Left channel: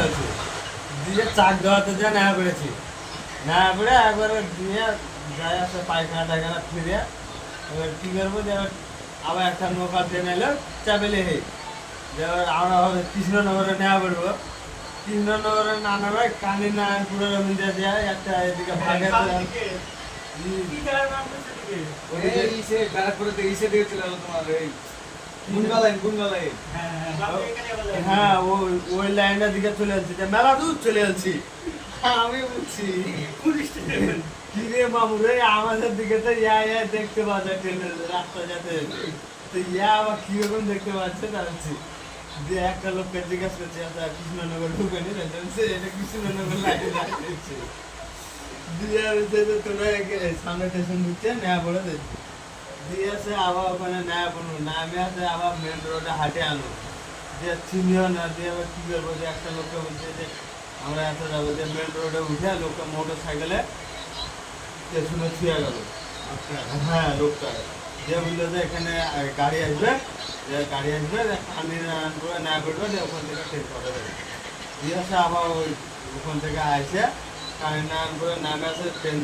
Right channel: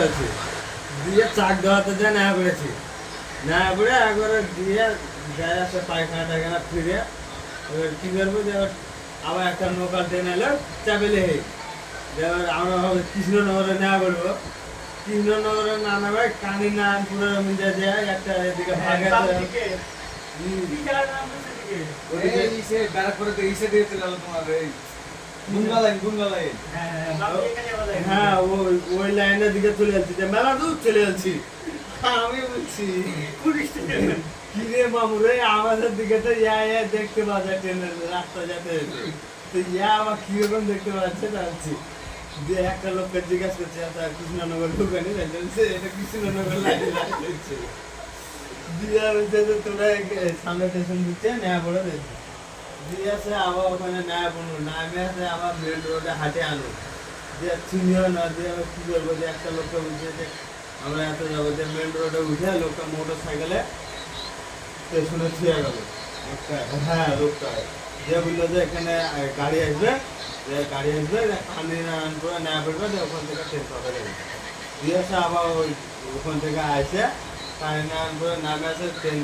আছে দিয়ে চাক দেওয়াতে যা না করেছি না পড়ে একবারে দিয়ে যায় আসে পায়খানা টায়খানা ফিরে এবার কী করবো যে আবার একটা নৌকা ট্রেন এলো চাপেলে হে এবার আমরা হবে কৃষ্ণনগরে নেওয়া পড়বো কৃষ্ণনগরে না নামে কানি নারায়ণপুরের মিলে যায় একটা এদিকে ভাগে হ্যাঁ ওই লাইনের দিকে চলে যাচ্ছি মেলা দূর চলে যাচ্ছি আমি বলছি কিরে বাবু রে আমাদের দিকে তো ইয়া দেখতে পাওয়া যায় ট্রেনের রাস্তা যেতে যেতে তো ইয়া আবার কিরকম দেখতে পাচ্ছে জানছি যে একটা লোককে জিজ্ঞাসা করছে আচ্ছা কৃষ্ণনগর ঢুকানি সে এটা কৃষ্ণনগর লাইনে দিচ্ছে দিয়ে হচ্ছে যে তোরা সামনে স্টেশন ঢুকছে নেয়া পড়ে দেখছি দিয়ে আসে আবার ওখানে নেয়া পড়লো নামে আসে আবার মেন রোডে হাটে আনো দিয়ে চিনিও না দিয়ে আবার কী করবো যে একটা লোককে বলছে যে আমরা এত যাবো যে মেন রোডে উঠে লোকটা মোটর সাইকেলে স্টেশনে ছুঁয়ে গেল হ্যাঁ লোকটা যে বললো যে এখানে গাড়ি আসবে গাড়ি আসবে পানি করে না পড়বে যে ওখান থেকে ট্রেন পাবে দিয়ে আসে আবার ওই ওখান থেকে আসে পানি না করে নামে আসে ট্রেন